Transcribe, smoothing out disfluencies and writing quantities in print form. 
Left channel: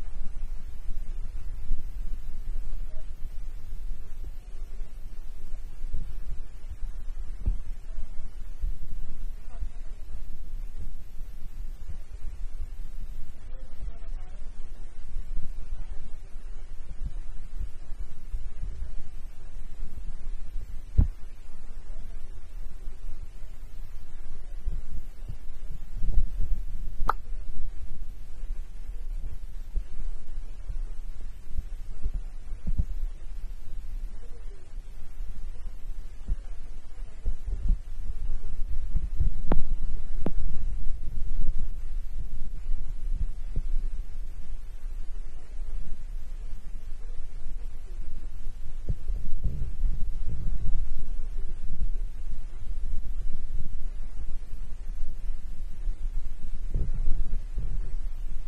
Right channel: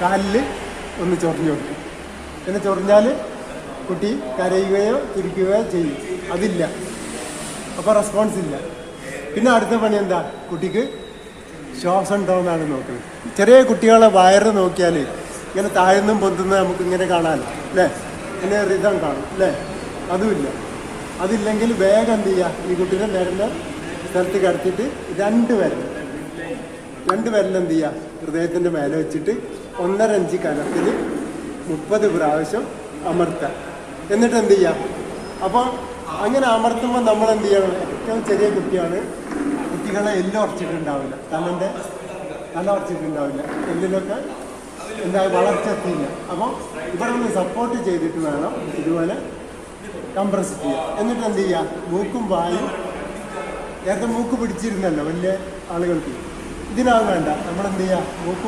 കാലിൽ ഒന്ന് ചൊറിഞ്ഞു കൊടുക്കും. പിന്നെ ചൊറിഞ്ഞാൽ കുട്ടി കരയുകയോ ചിരിക്കുകയോ ചെയ്യും. അതില്ല, അപ്പോൾ റെസ്പോൺസ് ഇല്ല. പിന്നെ അടുത്ത പണി എന്താ? കുട്ടിക്ക് ശ്വാസം ഉണ്ടോ എന്നാണ് നോക്കുന്നത്. ചെറിയ കുട്ടികളെ വയറ് നോക്കിയാൽ ഇങ്ങനെ താഴ്ന്നും പൊന്തുന്ന നമുക്ക് ഇങ്ങനെ കാണാമല്ലോ അല്ലേ? പിന്നെ റിതം കാണും അല്ലേ? അതുമില്ല. അതില്ലെങ്കിൽ വേഗം എന്ത് ചെയ്യുക? ഈ കുട്ടീനെ വരുന്ന സ്ഥലത്ത് കിടത്തിയിട്ട് രണ്ട് വിരൽ എന്ത് ചെയ്യുക? ഹൃദയത്തിൻ്റെ മേലെ വെച്ചിട്ട് 1.5 ഇഞ്ച് കനത്തിൽ 30 പ്രാവശ്യം അമർത്തുക. എന്നിട്ട് എന്ത് ചെയ്യുക? അപ്പോൾ അങ്ങനെ അമർത്തുമ്പോൾ നമ്മൾ എന്ത് ചെയ്യണം? ഏറ്റവും ചെറിയ കുട്ടിയാണ്, കുട്ടികളെ എല്ലാം ഉറച്ചിട്ടുണ്ടാവില്ല, തല ഉറച്ചിട്ടുണ്ടാവില്ല, എല്ലിലൊക്കെ എന്താ വളർച്ച എത്തിയില്ല. അപ്പോൾ ഇവിടെ ഒന്ന് സപ്പോർട്ട് ചെയ്തിട്ട് വേണം ഇതുപോലെ കംപ്രസ് ചെയ്യുക. എന്നിട്ട് എന്ത് ചെയ്യുക? മൂക്കും വായും, നേരത്തെ മൂക്ക് പിടിച്ചിരുന്നല്ലോ വലിയ ആളുകൾക്ക്, ഇതിനാവും വേണ്ട. നമ്മളെന്ത് ചെയ്യുക? മൂക്കും